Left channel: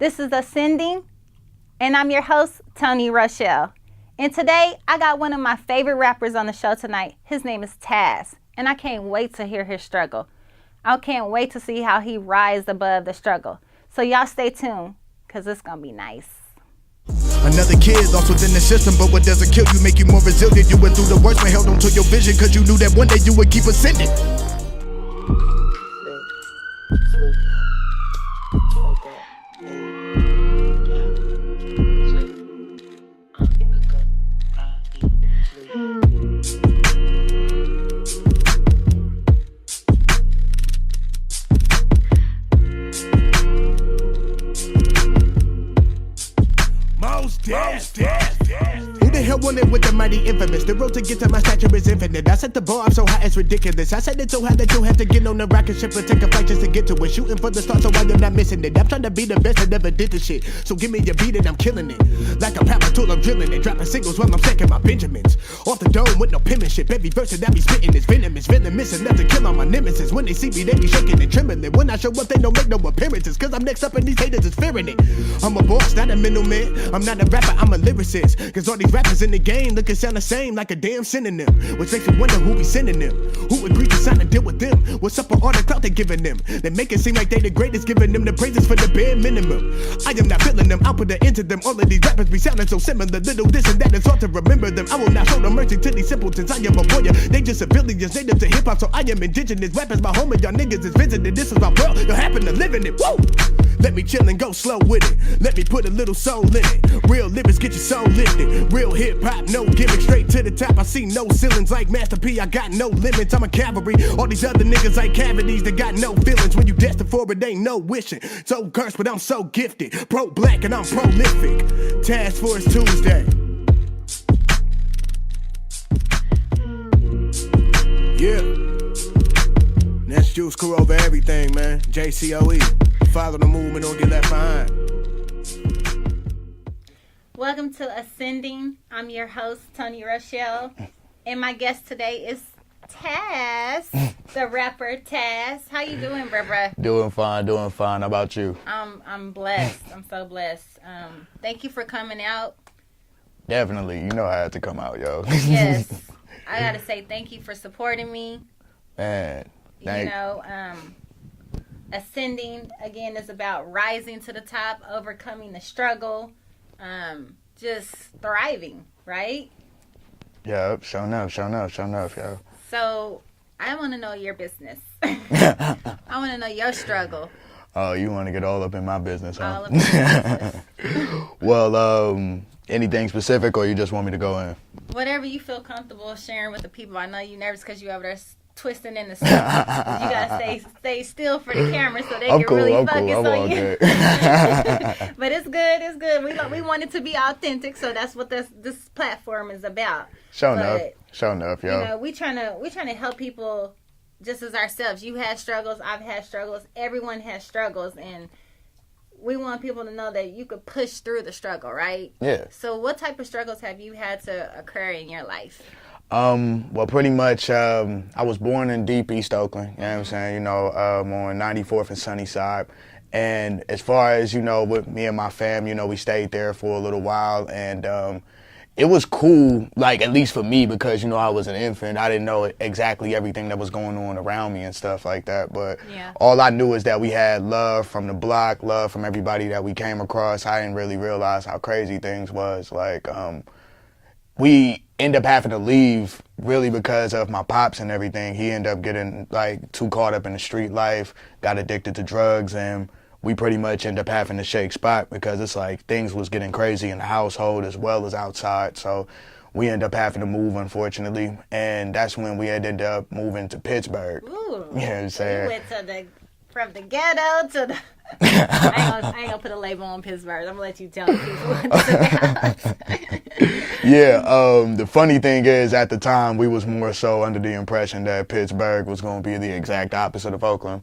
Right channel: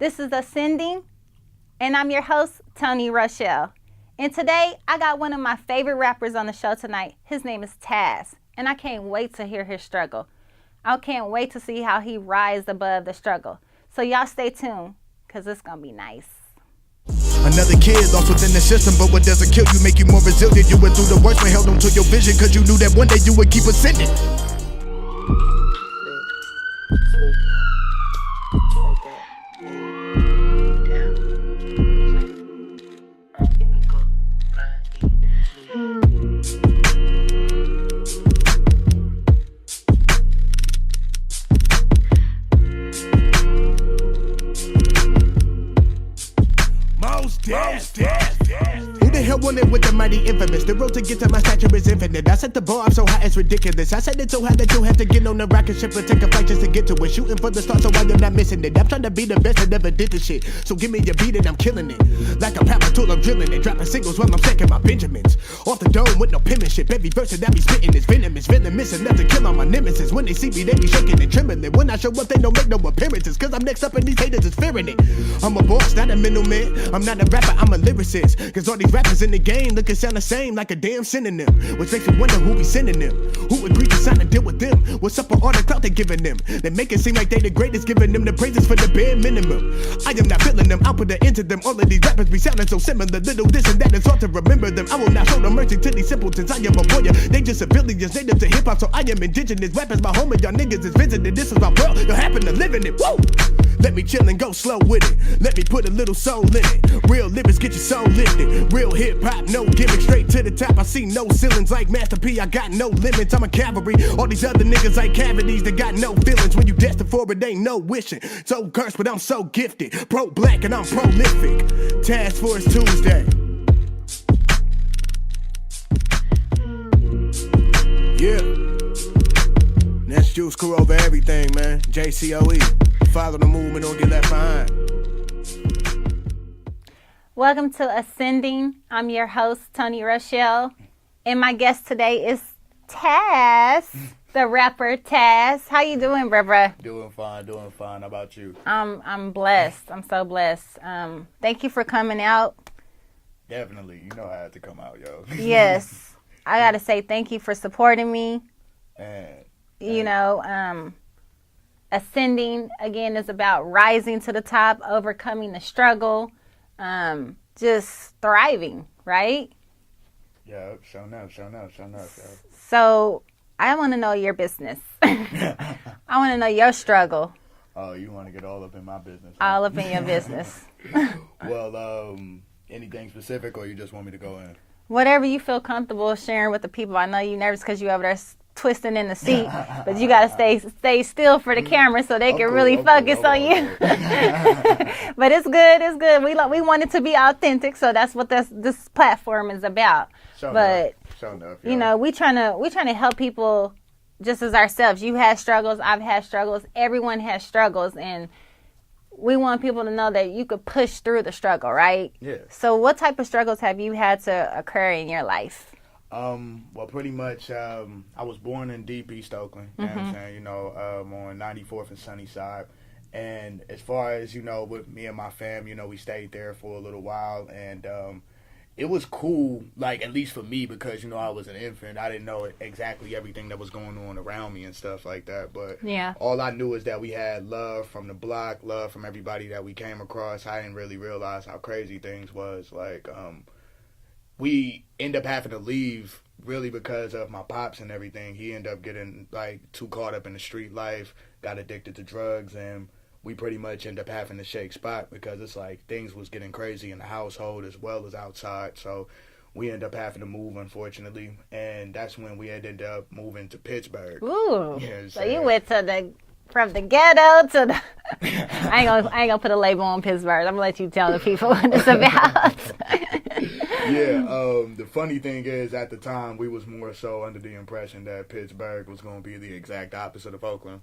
This is Ascending, and I'm your host, Toni Rochelle. And today, I got one of my favorite rappers on the show tonight. His name is Taz, and I can't wait to hear his struggle. I can't wait to see how he rises above the struggle. So y'all stay tuned, because it's going to be nice. Another kid lost within the system, but what doesn't kill you make you more resilient. You went through the worst but held on to your vision, cause you knew that one day you would keep ascending. Who the hell wanted with the mighty infamous? The road to get to my stature is infinite. I set the bar up so high it's ridiculous. I set it so high that you have to get on the rocket ship and take a flight just to get to it. Shooting for the stars so I'm not missing it. I'm trying to be the best that ever did the shit. So give me your beat and I'm killing it. Like a power tool I'm drilling it. Dropping singles while I'm stacking my Benjamins. Off the dome with no penmanship. Every verse that I be spitting is venomous. Venomous enough to kill all my nemesis. When they see me they be shaking and trembling. When I show up they don't make no appearances. Cause I'm next up and these haters is fearing it. I'm a boss, not a middleman. I'm not a rapper, I'm a lyricist. Cause all these rappers in the game look and sound the same like a damn synonym. Which makes me wonder who be sending them. Who agreed to sign a deal with them? What's up with all the clout they giving them? They make it seem like they the greatest, giving them the praises for the bare minimum. I am not feeling them, I'll put an end to them. All of these rappers be sounding so similar. Little this and that is all to remember them. I will not show no mercy to these simpletons. I am a warrior, they just civilians, native to hip hop. So I am indigenous. Rappers my home and y'all niggas is visiting. This is my world, you happen to live in it. Woo! Let me chill and go slow with it. Let me put a little soul in it. Real lyrics get your soul lifted. Real hip hop, no gimmick, straight to the top. I see no ceilings like Master P. I got no limits. I'm a cavalry. All these other niggas like cavities. They got no feelings. When you destined for it, ain't no wishing. So cursed, but I'm so gifted. Pro black and I'm prolific. Task Force Tuesday. Yeah. That's Juice Crew over everything, man. JCOE. Follow the movement or get left behind. Welcome to Ascending. I'm your host, Toni Rochelle. And my guest today is Taz, the rapper Taz. How you doing, bruh? Doing fine. How about you? I'm blessed. I'm so blessed. Thank you for coming out. Definitely. You know I had to come out, yo. Yes. I got to say thank you for supporting me. Man. You know, Ascending, again, is about rising to the top, overcoming the struggle, just thriving, right? Yeah, sure enough, yo. So, I want to know your business. I want to know your struggle. Oh, you want to get all up in my business, huh? All up in your business. Well, anything specific, or you just want me to go in? Whatever you feel comfortable sharing with the people. I know you're nervous because you over there twisting in the suit, but you gotta stay still for the camera so they can really focus on you. But it's good. We want it to be authentic, so that's what this platform is about. Sure enough, yeah. You know, we trying to help people just as ourselves. You had struggles, I've had struggles, everyone has struggles, and we want people to know that you could push through the struggle, right? Yeah. So what type of struggles have you had to occur in your life? Well, pretty much, I was born in deep East Oakland, you know what I'm saying, you know, on 94th and Sunnyside. And as far as, you know, with me and my fam, you know, we stayed there for a little while, and it was cool, like, at least for me, because, you know, I was an infant. I didn't know exactly everything that was going on around me and stuff like that. But all I knew is that we had love from the block, love from everybody that we came across. I didn't really realize how crazy things was. Like, we end up having to leave really because of my pops and everything. He ended up getting like too caught up in the street life, got addicted to drugs, and we pretty much end up having to shake spot because it's like things was getting crazy in the household as well as outside. So we end up having to move, unfortunately, and that's when we ended up moving to Pittsburgh. Ooh, you know what I'm so you went to from the ghetto to the... I ain't gonna put a label on Pittsburgh. I'm gonna let you tell the people what it's about. Yeah, the funny thing is, at the time, we was more so under the impression that Pittsburgh was going to be the exact opposite of Oakland.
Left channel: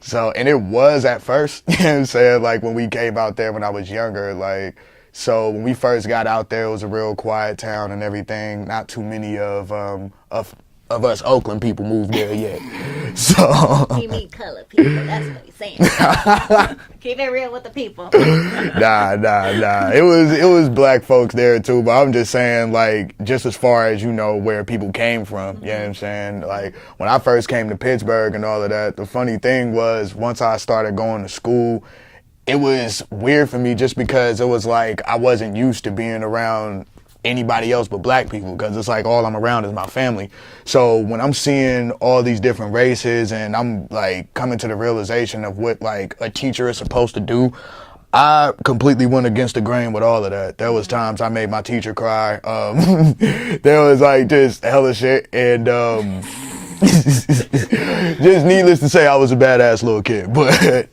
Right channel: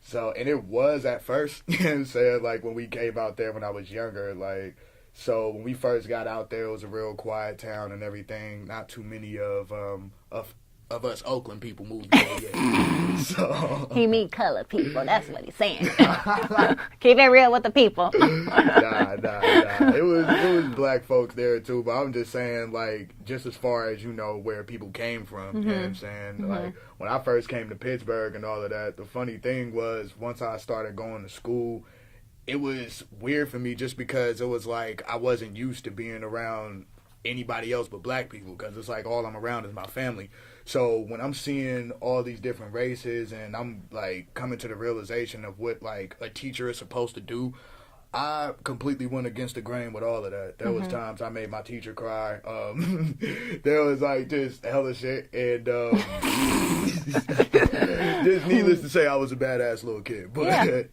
So, and it was at first, you know what I'm saying, like when we came out there when I was younger, like, so when we first got out there, it was a real quiet town and everything. Not too many of us Oakland people moved there yet. So He meet colored people. That's what he's saying. Keep it real with the people. nah. It was black folks there too, but I'm just saying, like, just as far as, you know, where people came from, you know what I'm saying? Like, when I first came to Pittsburgh and all of that, the funny thing was, once I started going to school, it was weird for me just because it was like I wasn't used to being around anybody else but black people, because it's like all I'm around is my family. So when I'm seeing all these different races and I'm like coming to the realization of what like a teacher is supposed to do, I completely went against the grain with all of that. There was times I made my teacher cry. There was like just hella shit, and just needless to say, I was a badass little kid. But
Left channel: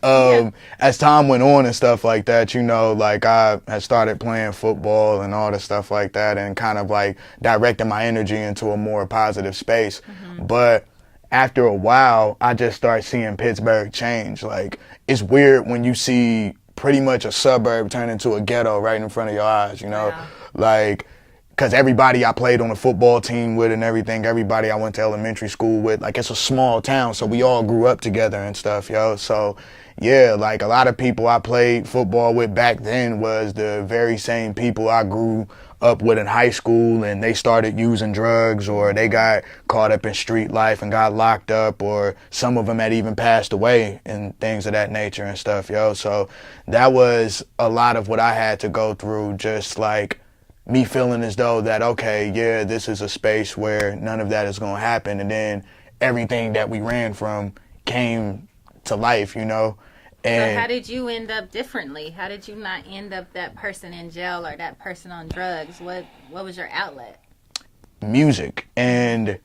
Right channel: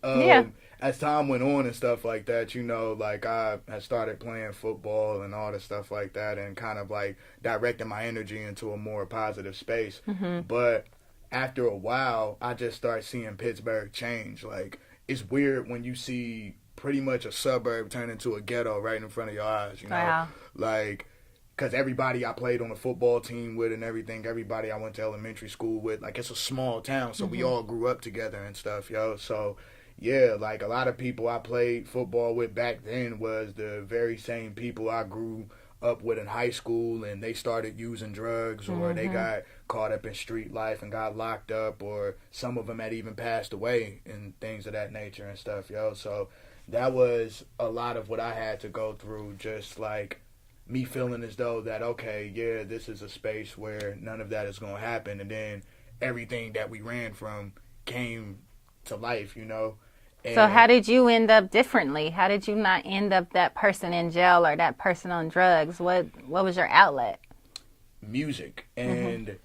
as time went on and stuff like that, you know, like I had started playing football and all the stuff like that, and kind of like directing my energy into a more positive space. But after a while, I just started seeing Pittsburgh change. Like, it's weird when you see pretty much a suburb turn into a ghetto right in front of your eyes, you know? Wow. Like, because everybody I played on the football team with and everything, everybody I went to elementary school with, like, it's a small town, so we all grew up together and stuff, yo. So, yeah, like, a lot of people I played football with back then was the very same people I grew up with in high school, and they started using drugs, or they got caught up in street life and got locked up, or some of them had even passed away and things of that nature and stuff, yo. So that was a lot of what I had to go through, just like me feeling as though that, okay, yeah, this is a space where none of that is going to happen, and then everything that we ran from came to life, you know. And So how did you end up differently? How did you not end up that person in jail or that person on drugs? What was your outlet? music. And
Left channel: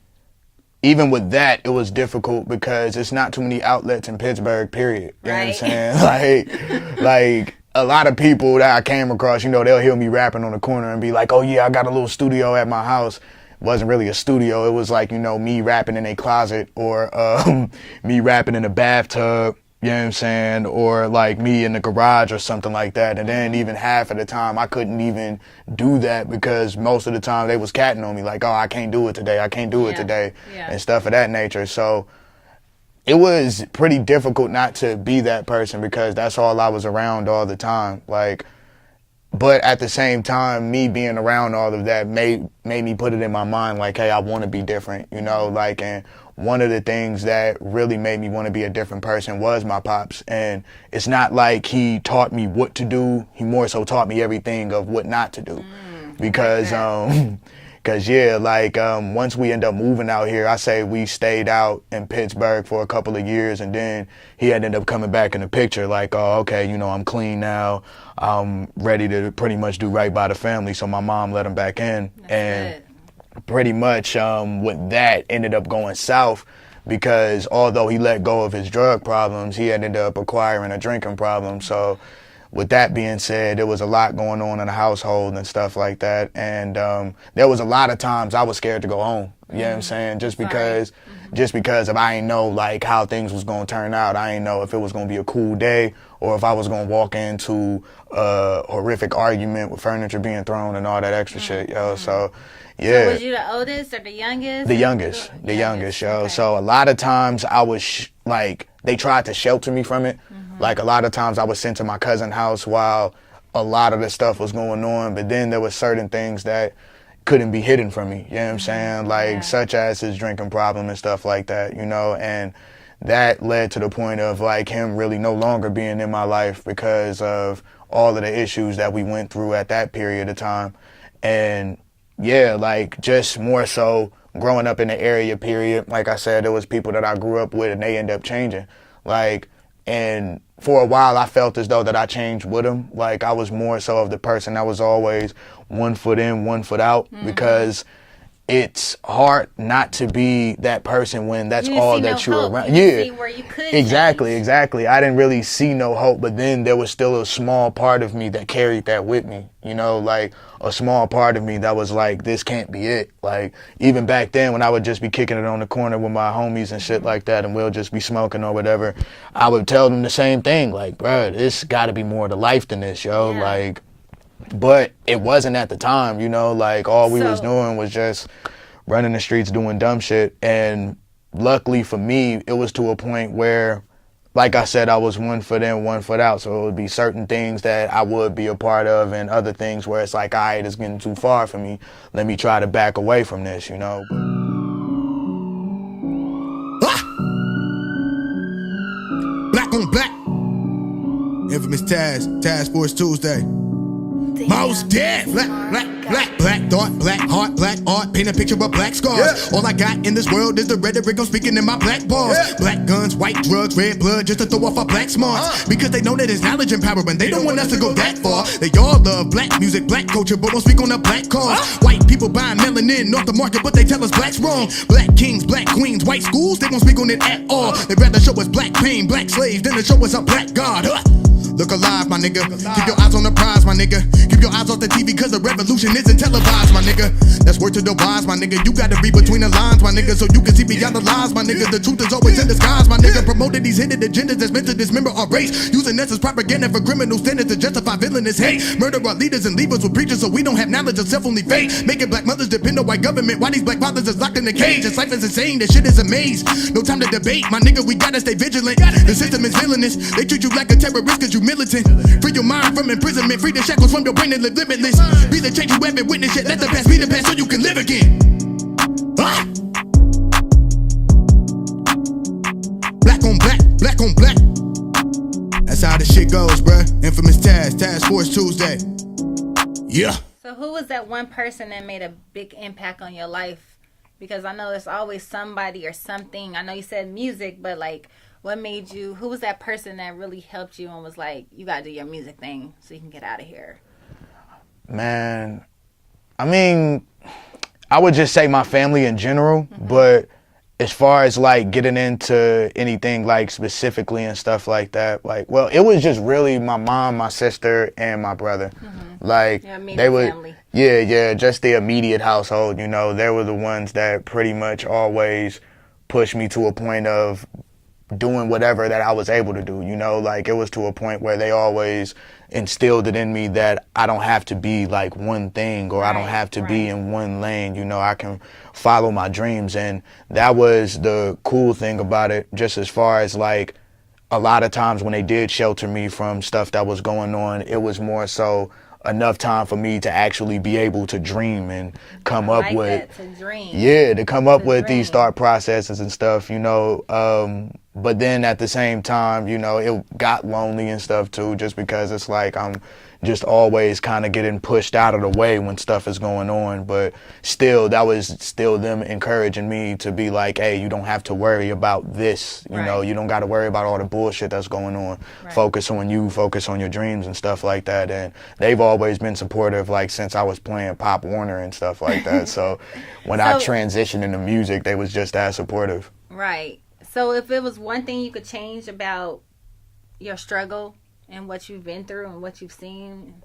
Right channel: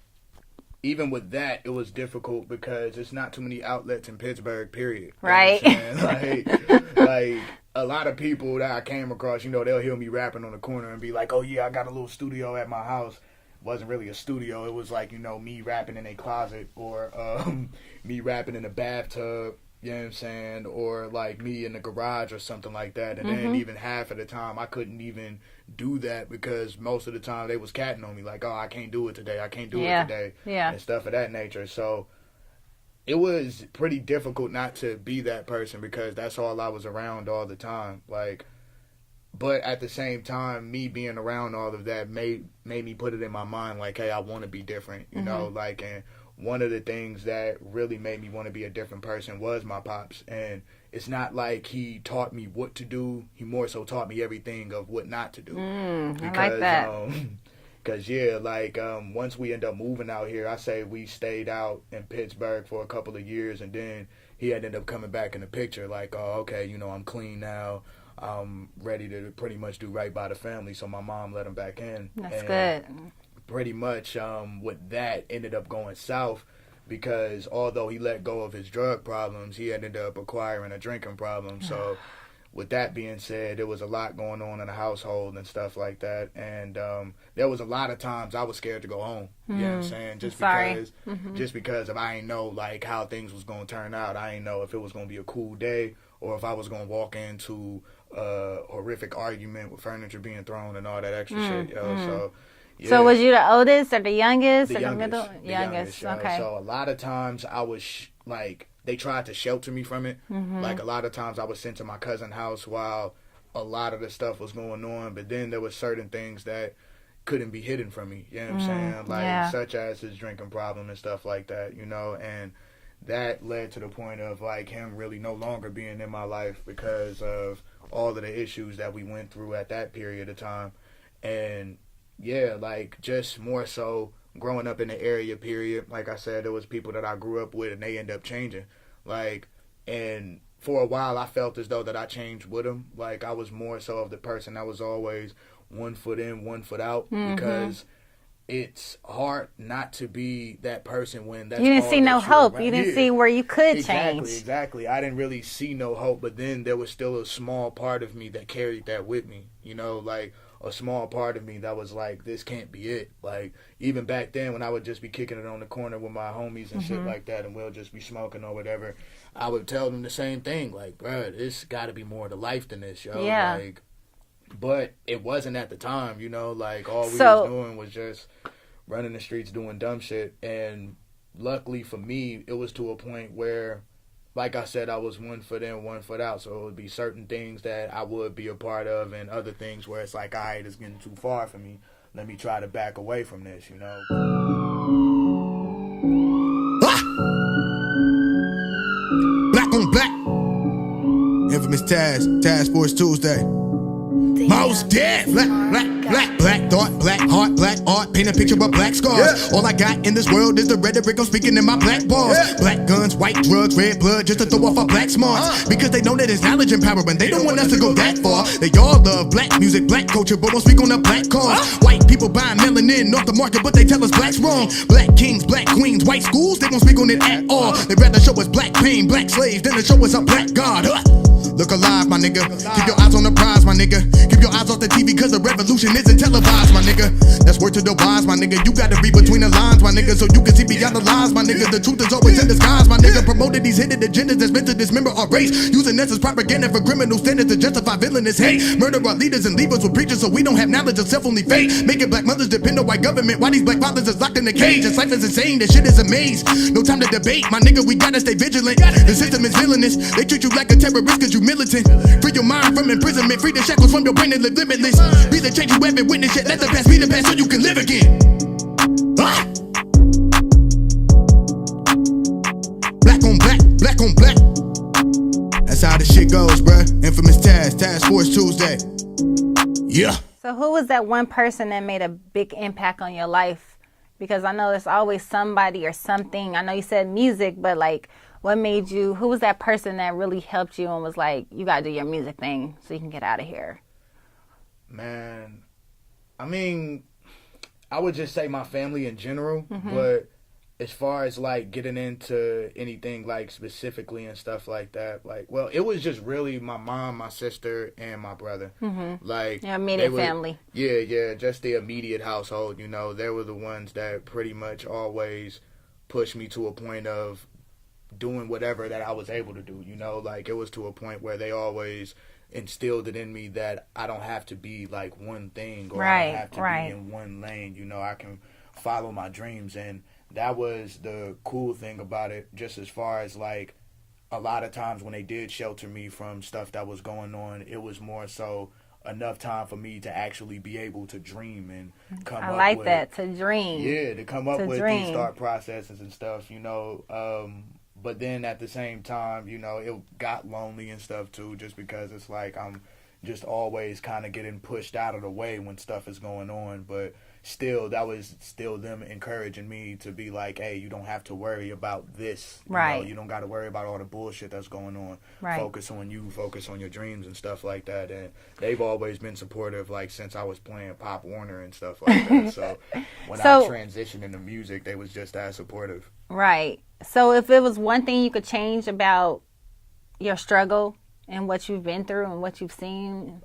even with that, it was difficult because it's not too many outlets in Pittsburgh, period. You Right. know what I'm saying? Like a lot of people that I came across, you know, they'll hear me rapping on the corner and be like, oh yeah, I got a little studio at my house. It wasn't really a studio. It was like, you know, me rapping in a closet, or me rapping in a bathtub. You know what I'm saying? Or like me in the garage or something like that. And then even half of the time I couldn't even do that because most of the time they was catting on me like, oh, I can't do it today. I can't do it today. Yeah. And stuff of that nature. So it was pretty difficult not to be that person because that's all I was around all the time. Like, but at the same time, me being around all of that made me put it in my mind like, hey, I want to be different, you know, like, and one of the things that really made me want to be a different person was my pops. And it's not like he taught me what to do. He more so taught me everything of what not to do. Because, yeah, like once we end up moving out here, I say we stayed out in Pittsburgh for a couple of years, and then he ended up coming back in the picture like, oh, okay, you know, I'm clean now. I'm ready to pretty much do right by the family. So my mom let him back in. That's and good. pretty much with that ended up going south because although he let go of his drug problems, he ended up acquiring a drinking problem. So with that being said, there was a lot going on in the household and stuff like that. And there was a lot of times I was scared to go home. You know what I'm saying? Just because if I ain't know like how things was going to turn out. I ain't know if it was going to be a cool day or if I was going to walk into a horrific argument with furniture being thrown and all that extra shit, yo. So yeah. So was you the oldest or the youngest? The youngest, yo. Okay. So a lot of times I was like, they tried to shelter me from it. Like a lot of times I was sent to my cousin's house while a lot of the stuff was going on. But then there were certain things that couldn't be hidden from me. You know what I'm saying? Like such as his drinking problem and stuff like that, you know. And that led to the point of like him really no longer being in my life because of all of the issues that we went through at that period of time. And yeah, like just more so growing up in the area period, like I said, there was people that I grew up with and they end up changing. Like, and for a while I felt as though that I changed with them. Like I was more so of the person that was always 1 foot in, 1 foot out because it's hard not to be that person when that's all that you're around. You didn't see where you could Exactly. change. I didn't really see no hope, but then there was still a small part of me that carried that with me, you know, like a small part of me that was like, this can't be it. Like even back then when I would just be kicking it on the corner with my homies and shit like that and we'll just be smoking or whatever, I would tell them the same thing, like, bruh, this gotta be more to life than this, yo. Yeah. Like, but it wasn't at the time, you know, like all we was doing was just running the streets doing dumb shit. And luckily for me, it was to a point where, like I said, I was 1 foot in, 1 foot out. So it would be certain things that I would be a part of and other things where it's like, all right, it's getting too far for me. Let me try to back away from this, you know? Ah! Black on black. Infamous Task Force Tuesday. Most dead. Black thought, black heart, black art. Paint a picture of black scars. All I got in this world is the rhetoric I'm speaking in my black bars. Black guns, white drugs, red blood, just to throw off our black smarts. Because they know that it's knowledge and power, and they don't want us to go that far. They all love black music, black culture, but won't speak on the black cause. White people buying melanin off the market, but they tell us black's wrong. Black kings, black queens, white schools, they won't speak on it at all. They'd rather show us black pain, black slaves, than to show us a black god. Look alive, my nigga. Keep your eyes on the prize, my nigga. Keep your eyes off the TV, cause the revolution isn't televised, my nigga. That's word to the wise, my nigga. You gotta read between the lines, my nigga, so you can see beyond the lies, my nigga. The truth is always in disguise, my nigga. Promoted these hidden agendas that's meant to dismember our race, using us as propaganda for criminal standards to justify villainous hate. Murder our leaders and leave us with preachers so we don't have knowledge of self-only fate. Making black mothers depend on white government. Why these black fathers is locked in the cage? This life is insane, this shit is a maze. No time to debate, my nigga, we gotta stay vigilant. The system is villainous, they treat you like a terrorist cause you militant. Free your mind from imprisonment, free the shackles from your brain and live limitless. Be the change you haven't witnessed yet, let the past be the past so you can live again. Ah! Black on black, black on black. That's how the shit goes, bruh. Infamous Task Force Tuesday. Yeah. So who was that one person that made a big impact on your life? Because I know there's always somebody or something. I know you said music, but like, what made you, who was that person that really helped you and was like, you gotta do your music thing so you can get out of here? Man, I mean, I would just say my family in general, but as far as like getting into anything like specifically and stuff like that, like, well, it was just really my mom, my sister, and my brother. Like, they were, family. Yeah, just the immediate household, you know, they were the ones that pretty much always pushed me to a point of doing whatever that I was able to do, you know, like it was to a point where they always instilled it in me that I don't have to be like one thing or I don't have to be in one lane, you know, I can follow my dreams. And that was the cool thing about it, just as far as like a lot of times when they did shelter me from stuff that was going on, it was more so enough time for me to actually be able to dream and come up with that, to dream. Yeah, to come up with these thought processes and stuff, you know. But then at the same time, you know, it got lonely and stuff too, just because it's like I'm just always kind of getting pushed out of the way when stuff is going on. But still, that was still them encouraging me to be like, hey, you don't have to worry about this. You know, you don't got to worry about all the bullshit that's going on. Focus on you, focus on your dreams and stuff like that. And they've always been supportive, like since I was playing Pop Warner and stuff like that. So when I transitioned into music, they was just as supportive. Right. So if it was one thing you could change about your struggle and what you've been through and what you've seen,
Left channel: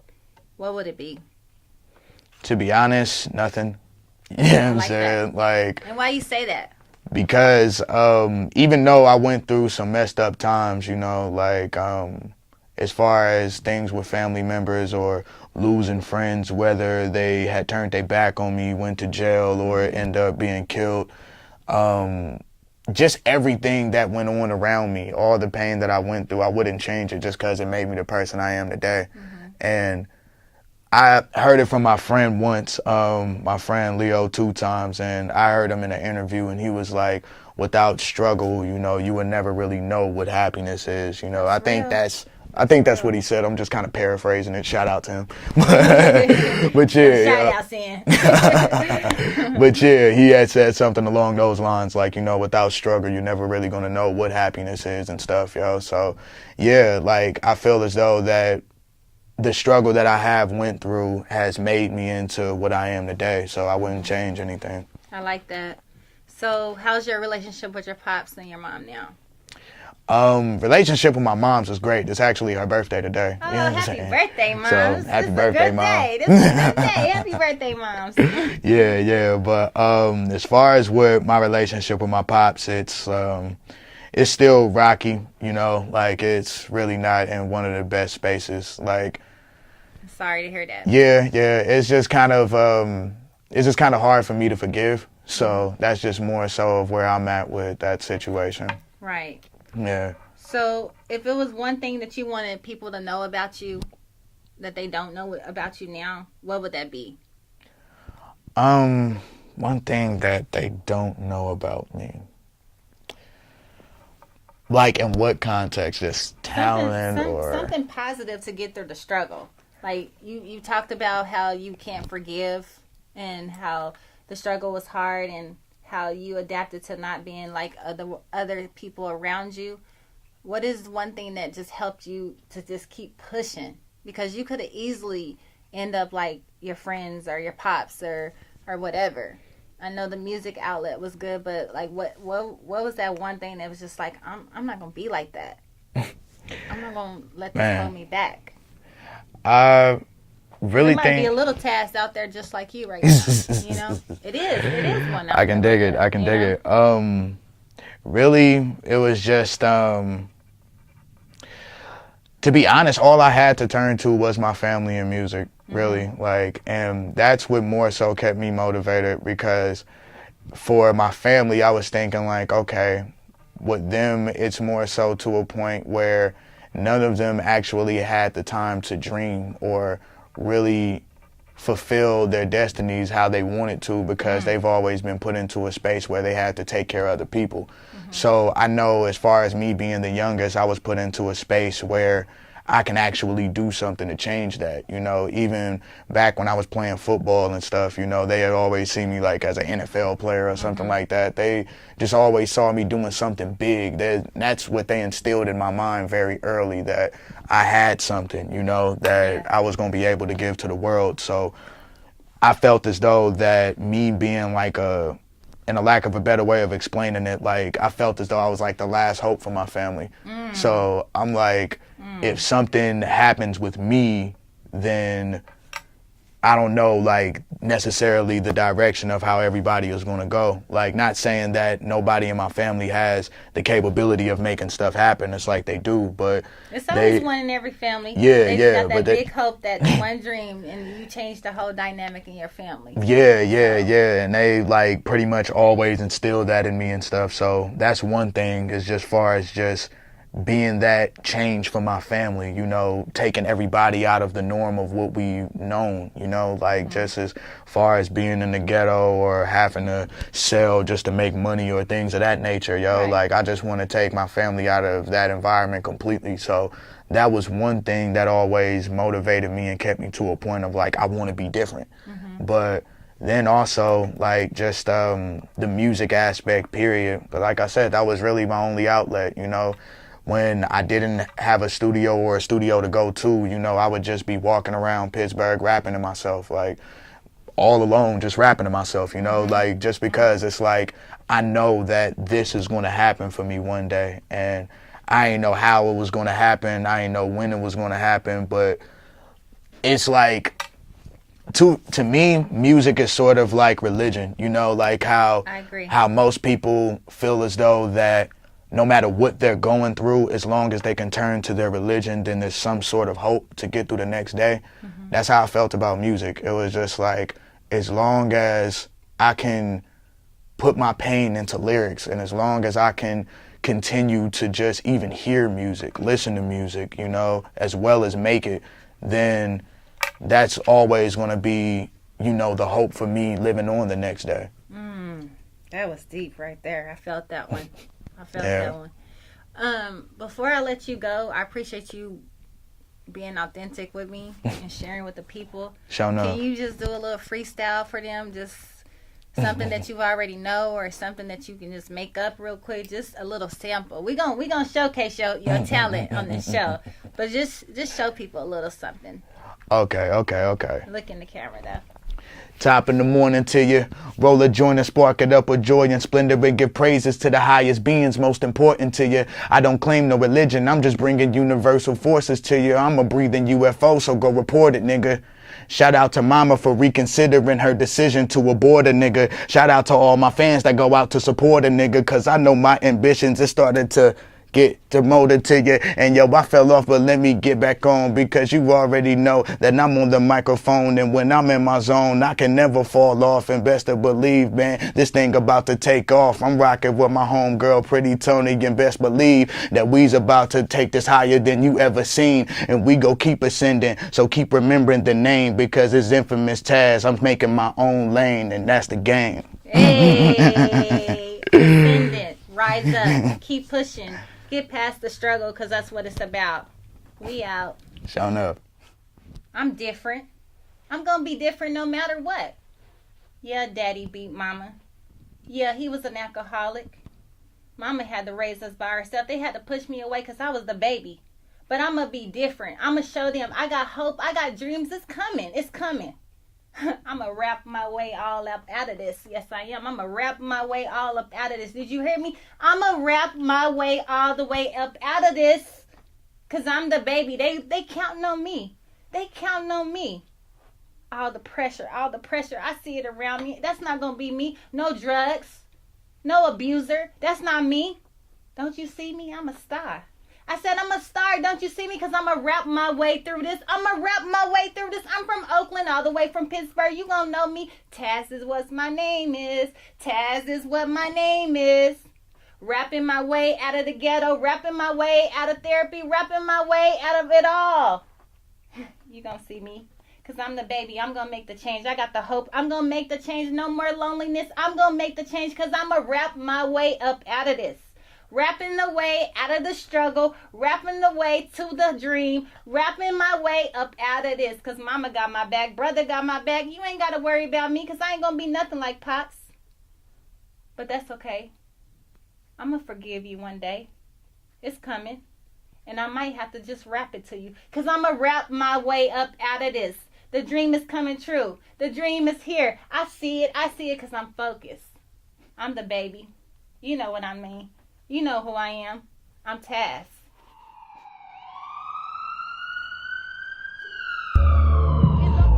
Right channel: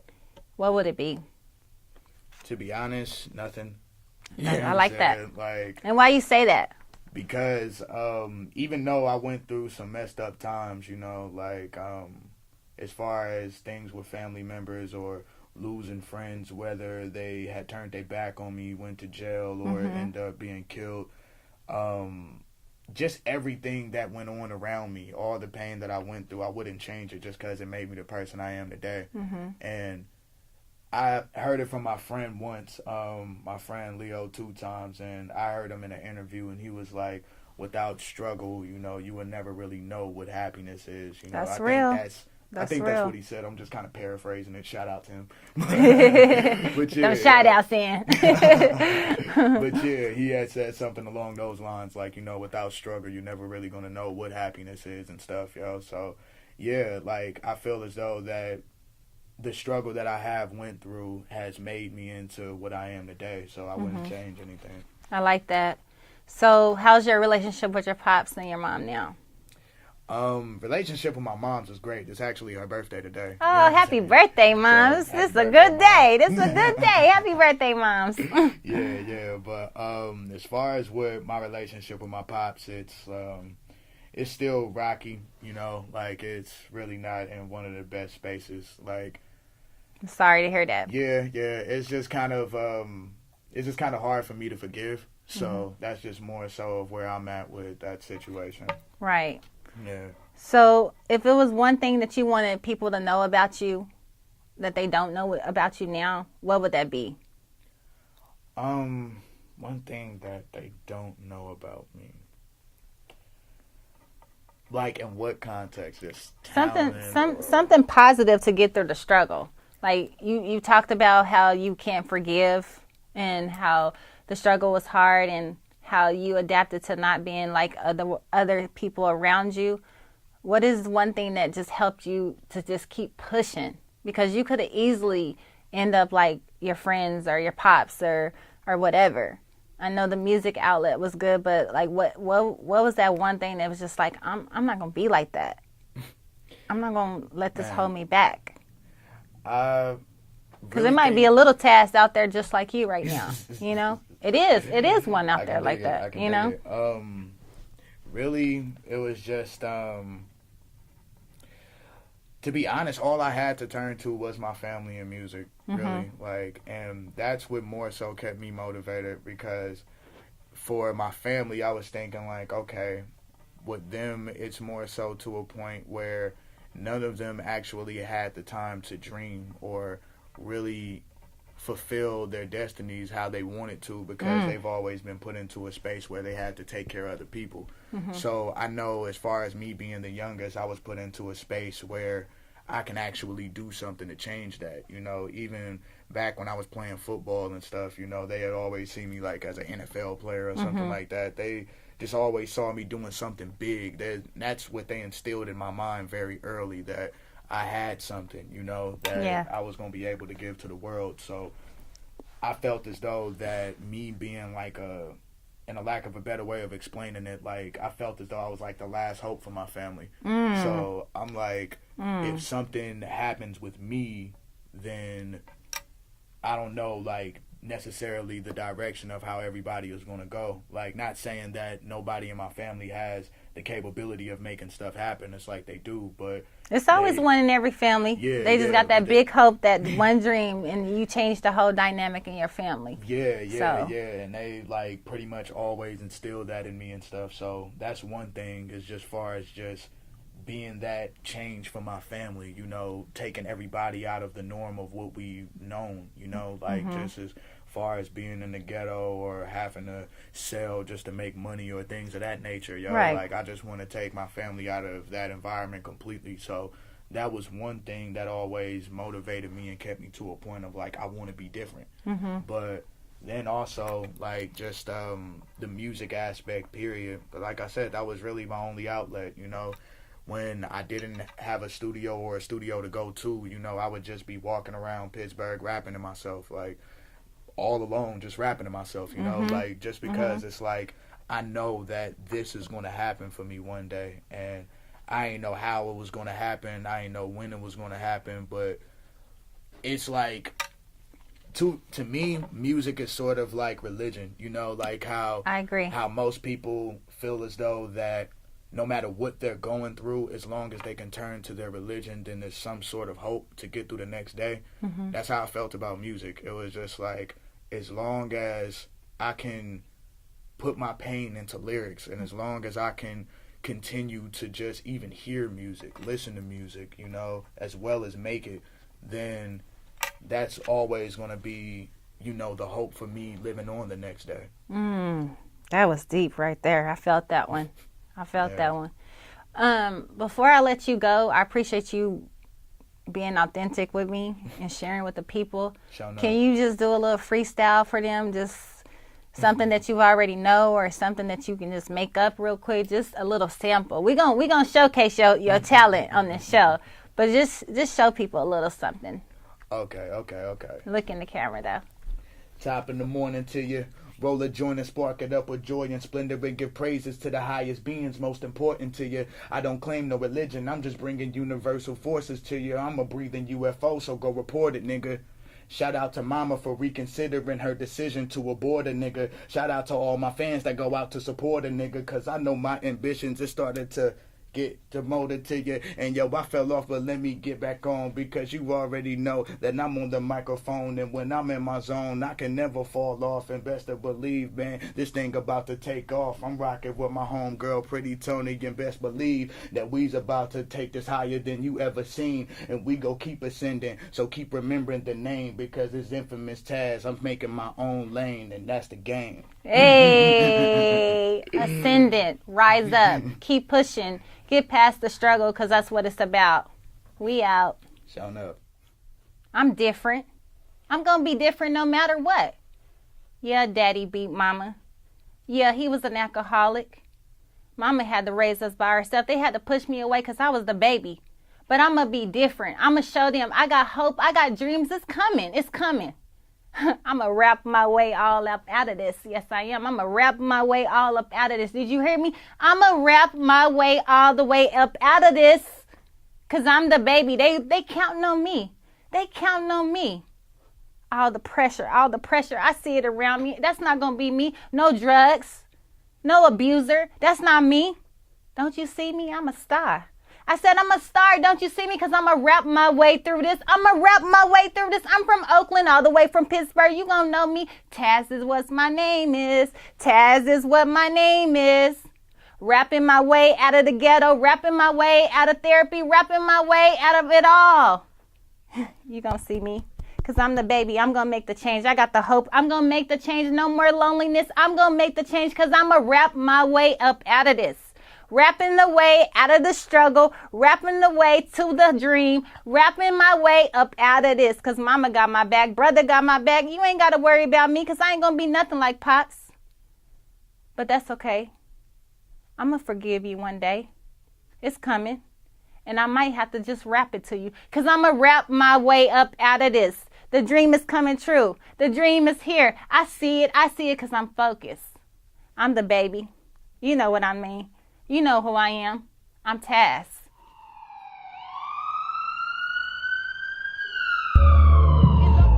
what would it be? To be honest, nothing. Yeah, I like that. Like, and why you say that? Because even though I went through some messed up times, you know, like as far as things with family members or losing friends, whether they had turned their back on me, went to jail, or ended up being killed, just everything that went on around me, all the pain that I went through, I wouldn't change it just because it made me the person I am today. And I heard it from my friend once, my friend Leo 2 times, and I heard him in an interview, and he was like, without struggle, you know, you would never really know what happess is. You know, I think that's what he said. I'm just kind of paraphrasing it. Shout out to him. But yeah. Shout out, Sam. But yeah, he had said something along those lines, like, you know, without struggle, you're never really going to know what happiness is and stuff, yo. So yeah, like, I feel as though that the struggle that I have went through has made me into what I am today. So I wouldn't change anything. I like that. So how's your relationship with your pops and your mom now? Relationship with my mom's is great. It's actually her birthday today. Oh, happy birthday, Moms. This is a good day. This is a good day. Happy birthday, Moms. Yeah. But as far as with my relationship with my pops, it's still rocky, you know, like it's really not in one of the best spaces. Like, I'm sorry to hear that. Yeah. It's just kind of hard for me to forgive, So that's just more so of where I'm at with that situation. Right. Yeah. So if it was one thing that you wanted people to know about you that they don't know about you now, what would that be? One thing that they don't know about me. Like in what context? Just talent or something positive to get through the struggle. Like you talked about how you can't forgive and how the struggle was hard and how you adapted to not being like other people around you. What is one thing that just helped you to just keep pushing? Because you could have easily end up like your friends or your pops or whatever. I know the music outlet was good, but like what was that one thing that was just like I'm not gonna be like that. I'm not gonna let this hold me back. I really there might be a little task out there just like you right now. You know, it is one out I can there dig like it. that, I can dig it. Really, it was just to be honest, all I had to turn to was my family and music, really. Like, and that's what more so kept me motivated, because for my family, I was thinking like, okay, with them, it's more so to a point where none of them actually had the time to dream or really fulfill their destinies how they wanted to, because they've always been put into a space where they had to take care of other people. So I know, as far as me being the youngest, I was put into a space where I can actually do something to change that. You know, even back when I was playing football and stuff, you know, they had always seen me like as an NFL player or something like that. They just always saw me doing something big. That's what they instilled in my mind very early, that I had something, you know, that I was going to be able to give to the world. So I felt as though that me being like in a lack of a better way of explaining it, like I felt as though I was like the last hope for my family. So I'm like, if something happens with me, then I don't know, like, necessarily the direction of how everybody is going to go. Like, not saying that nobody in my family has the capability of making stuff happen. It's like they do, but it's always one in every family. Yeah, they yeah. Got that big hope, that one dream, and you change the whole dynamic in your family. Yeah. And they, like, pretty much always instilled that in me and stuff. So that's one thing, is just far as just being that change for my family, you know, taking everybody out of the norm of what we've known, you know, like just as far as being in the ghetto or having to sell just to make money or things of that nature, like I just want to take my family out of that environment completely. So that was one thing that always motivated me and kept me to a point of like, I want to be different. But then also like just the music aspect, period. But like I said, that was really my only outlet, you know. When I didn't have a studio or a studio to go to, you know, I would just be walking around Pittsburgh rapping to myself, like all alone, just rapping to myself, you know, like just because it's like, I know that this is going to happen for me one day, and I ain't know how it was going to happen. I ain't know when it was going to happen, but it's like, to me, music is sort of like religion, you know, like how I agree. How most people feel as though that no matter what they're going through, as long as they can turn to their religion, then there's some sort of hope to get through the next day. That's how I felt about music. It was just like, as long as I can put my pain into lyrics, and as long as I can continue to just even hear music, listen to music, you know, as well as make it, then that's always going to be, you know, the hope for me living on the next day. That was deep right there. I felt that one. That one. Before I let you go, I appreciate you being authentic with me and sharing with the people. Can you just do a little freestyle for them? Just something that you already know, or something that you can just make up real quick? Just a little sample. We're gonna showcase your talent on this show, but just show people a little something. Okay. Look in the camera though. Top in the morning to you, roll a joint and spark it up with joy and splendor, and give praises to the highest beings most important to you. I don't claim no religion, I'm just bringing universal forces to you. I'm a breathing UFO, so go report it, nigga. Shout out to mama for reconsidering her decision to abort a nigga. Shout out to all my fans that go out to support a nigga, cause I know my ambitions, it started to get demoted to you. And yo, I fell off, but let me get back on, because you already know that I'm on the microphone, and when I'm in my zone, I can never fall off. And best to believe, man, this thing about to take off. I'm rocking with my homegirl, Pretty Toni, and best believe that we's about to take this higher than you ever seen, and we go keep ascending. So keep remembering the name, because it's infamous Taz. I'm making my own lane, and that's the game. Hey, ascendant, rise up, keep pushing, get past the struggle, because that's what it's about. We out. Showing up. I'm different. I'm going to be different no matter what. Yeah, daddy beat mama. Yeah, he was an alcoholic. Mama had to raise us by herself. They had to push me away because I was the baby. But I'm going to be different. I'm going to show them I got hope. I got dreams. It's coming. It's coming. I'm going to rap my way all up out of this. Yes, I am. I'm going to rap my way all up out of this. Did you hear me? I'm going to rap my way all the way up out of this, because I'm the baby. They counting on me. They counting on me. All the pressure. I see it around me. That's not going to be me. No drugs. No abuser. That's not me. Don't you see me? I'm a star. I said I'm a star. Don't you see me? Because I'm going to rap my way through this. I'm from Oakland all the way from Pittsburgh. You going to know me. Taz is what my name is. Taz is what my name is. Rapping my way out of the ghetto. Rapping my way out of therapy. Rapping my way out of it all. You going to see me. Because I'm the baby. I'm going to make the change. I got the hope. I'm going to make the change. No more loneliness. I'm going to make the change, because I'm going to rap my way up out of this. Rapping the way out of the struggle. Rapping the way to the dream. Rapping my way up out of this. Because mama got my back. Brother got my back. You ain't got to worry about me, because I ain't going to be nothing like Pops. But that's okay. I'm going to forgive you one day. It's coming. And I might have to just rap it to you, because I'm going to rap my way up out of this. The dream is coming true. The dream is here. I see it because I'm focused. I'm the baby. You know what I mean. You know who I am. I'm Taz.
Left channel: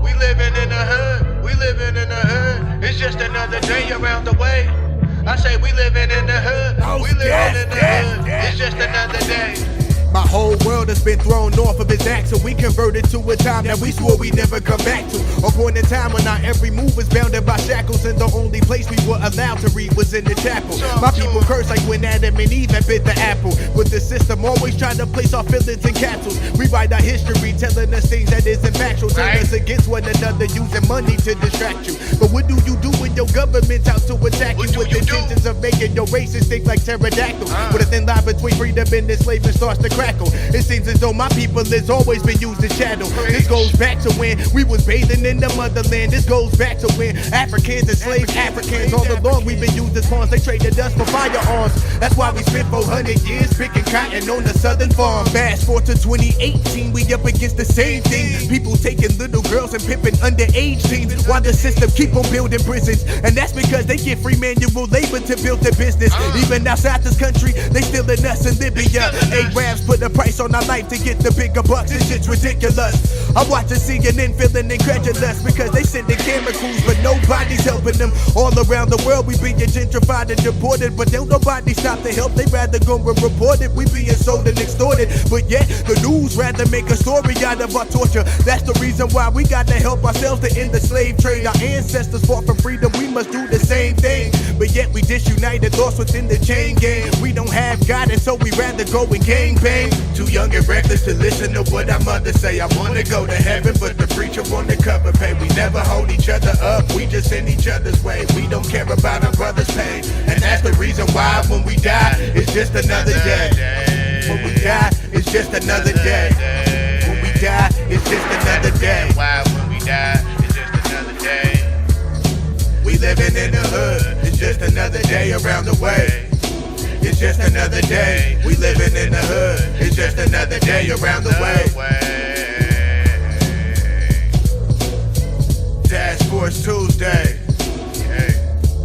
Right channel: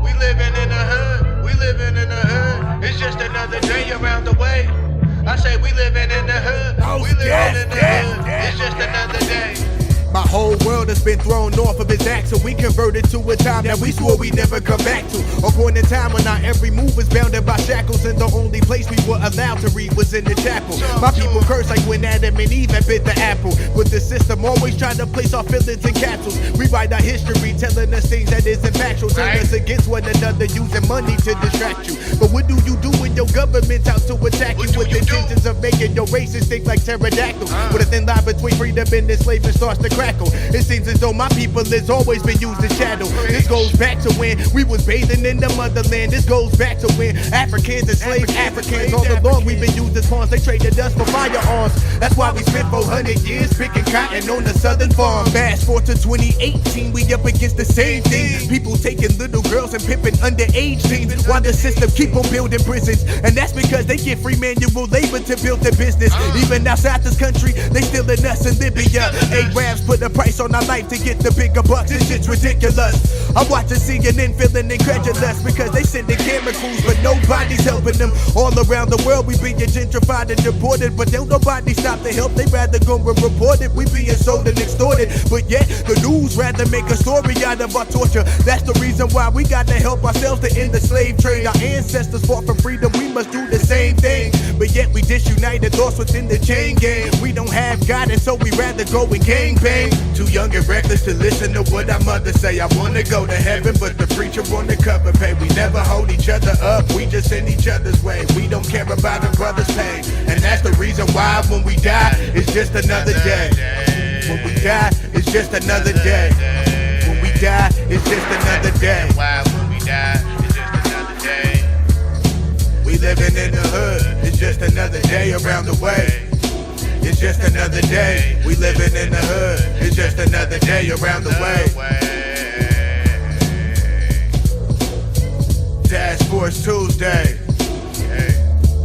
We living in the hood. We living in the hood. It's just another day around the way. I say we living in the hood. We living in the hood. It's just another day. My whole world has been thrown off of its axle. We converted to a time that we swore we never come back to. A point in time when our every move was bounded by shackles, and the only place we were allowed to read was in the chapel. My people curse like when Adam and Eve had bit the apple. But the system always trying to place our feelings in capsules. Rewrite our history, telling us things that isn't factual. Turn us against one another, using money to distract you. But what do you do when your government's out to attack you with intentions of making your races think like pterodactyls? With a thin line between freedom and enslavement starts to crackle. It seems as though my people has always been used as shadow. This goes back to when we was bathing in the motherland. This goes back to when Africans enslaved Africans. All along we've been used as pawns. They traded us for firearms. That's why we spent 400 years picking cotton on the southern farm. Fast forward to 2018, we up against the same thing. People taking little girls and pimping underage teens, while the system keep on building prisons. And that's because they get free manual labor to build their business. Even outside this country, they still in us in Libya. Arabs put a price on our life to get the bigger bucks. This shit's ridiculous. I'm watching CNN feeling incredulous, because they sending camera crews but nobody's helping them. All around the world we being gentrified and deported, but don't nobody stop to help. They rather go and report it. We being sold and extorted, but yet the news rather make a story out of our torture. That's the reason why we got to help ourselves to end the slave trade. Our ancestors fought for freedom, we must do the same thing. But yet we disunited thoughts within the chain gang. We don't have guidance, so we rather go and gangbang. Too young and reckless to listen to what our mother say. I wanna go to heaven, but the preacher on the cover pay. We never hold each other up, we just in each other's way. We don't care about our brother's pain, and that's the reason why when we die, it's just another day. When we die, it's just another day. When we die, it's just another day. Why when we die, it's just another day. We living in the hood, it's just another day around the way. It's just another day. We living in the hood. It's just another day around the way. Task Force Tuesday.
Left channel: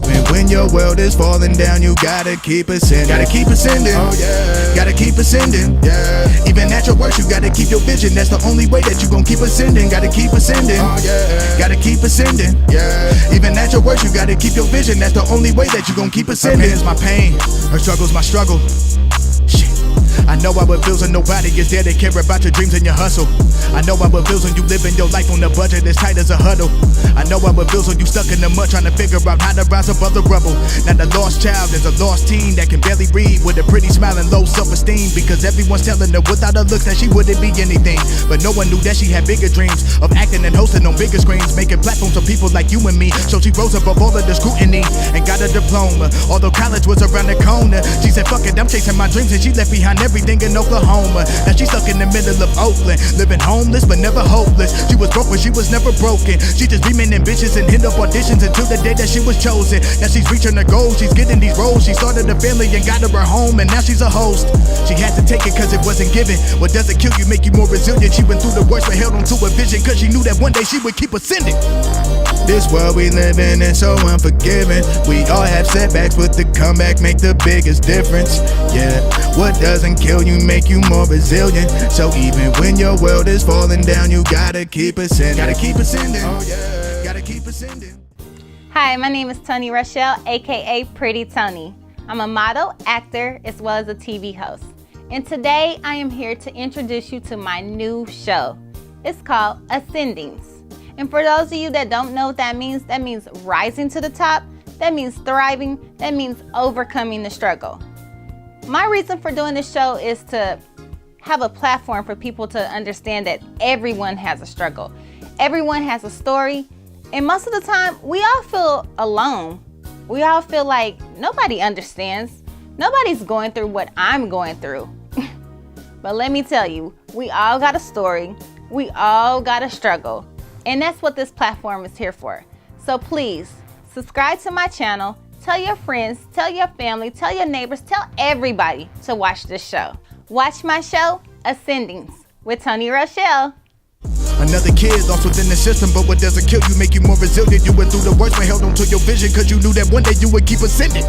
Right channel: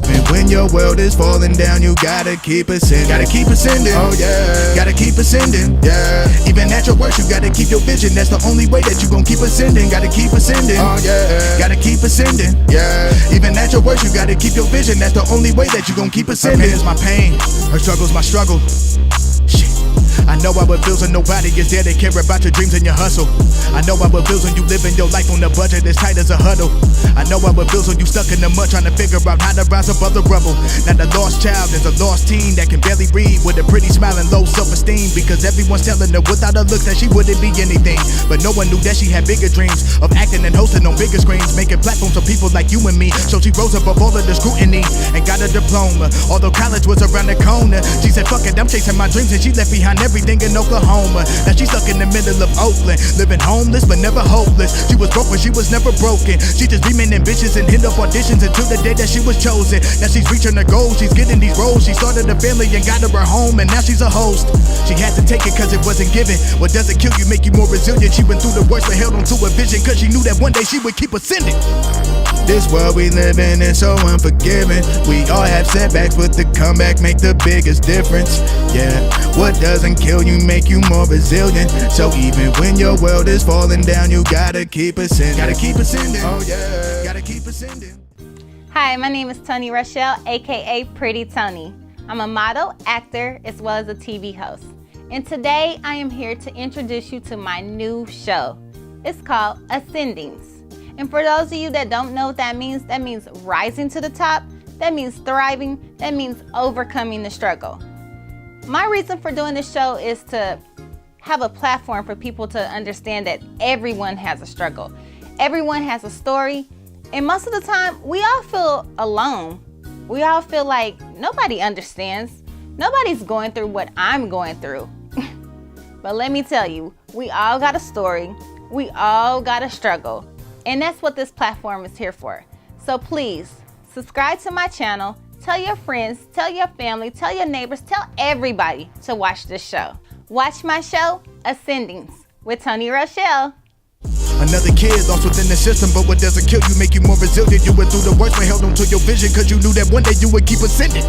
And when your world is falling down, you gotta keep ascending. Gotta keep ascending. Oh yeah. Gotta keep ascending. Yeah. Even at your worst, you gotta keep your vision. That's the only way that you gon' keep ascending. Gotta keep ascending. Oh yeah. Gotta keep ascending. Yeah. Even at your worst, you gotta keep your vision. That's the only way that you gon' keep ascending. Her pain is my pain. Her struggle's my struggle. Shit. I know how it feels when nobody is there to care about your dreams and your hustle. I know how it feels when you living your life on a budget as tight as a huddle. I know how it feels when you stuck in the mud trying to figure out how to rise above the rubble. Now the lost child is a lost teen that can barely read with a pretty smile and low self-esteem, because everyone's telling her without her looks that she wouldn't be anything. But no one knew that she had bigger dreams of acting and hosting on bigger screens, making platforms for people like you and me. So she rose above all of the scrutiny and got a diploma. Although college was around the corner, she said fuck it, I'm chasing my dreams, and she left behind everything in Oklahoma. Now she's stuck in the middle of Oakland, living homeless but never hopeless. She was broke but she was never broken. She just dreaming ambitious and hit up auditions until the day that she was chosen. Now she's reaching her goals, she's getting these roles. She started a family and got her a home, and now she's a host. She had to take it cause it wasn't given. What doesn't kill you make you more resilient. She went through the worst but held on to a vision, cause she knew that one day she would keep ascending. This world we live in is so unforgiving. We all have setbacks, but the comeback make the biggest difference. Yeah, what doesn't kill you make you more resilient. So even when your world is falling down, you gotta keep ascending. Gotta keep ascending. Oh yeah, gotta keep ascending. Hi, my name is Toni Rochelle, aka Pretty Toni. I'm a model, actor, as well as a TV host. And today I am here to introduce you to my new show. It's called Ascendings. And for those of you that don't know what that means rising to the top, that means thriving, that means overcoming the struggle. My reason for doing this show is to have a platform for people to understand that everyone has a struggle. Everyone has a story, and most of the time, we all feel alone. We all feel like nobody understands. Nobody's going through what I'm going through. But let me tell you, we all got a story. We all got a struggle. And that's what this platform is here for. So please, subscribe to my channel, tell your friends, tell your family, tell your neighbors, tell everybody to watch this show. Watch my show, Ascendings, with Toni Rochelle. Another kid lost within the system, but what doesn't kill you make you more resilient. You went through the worst but held on to your vision, cause you knew that one day you would keep ascending.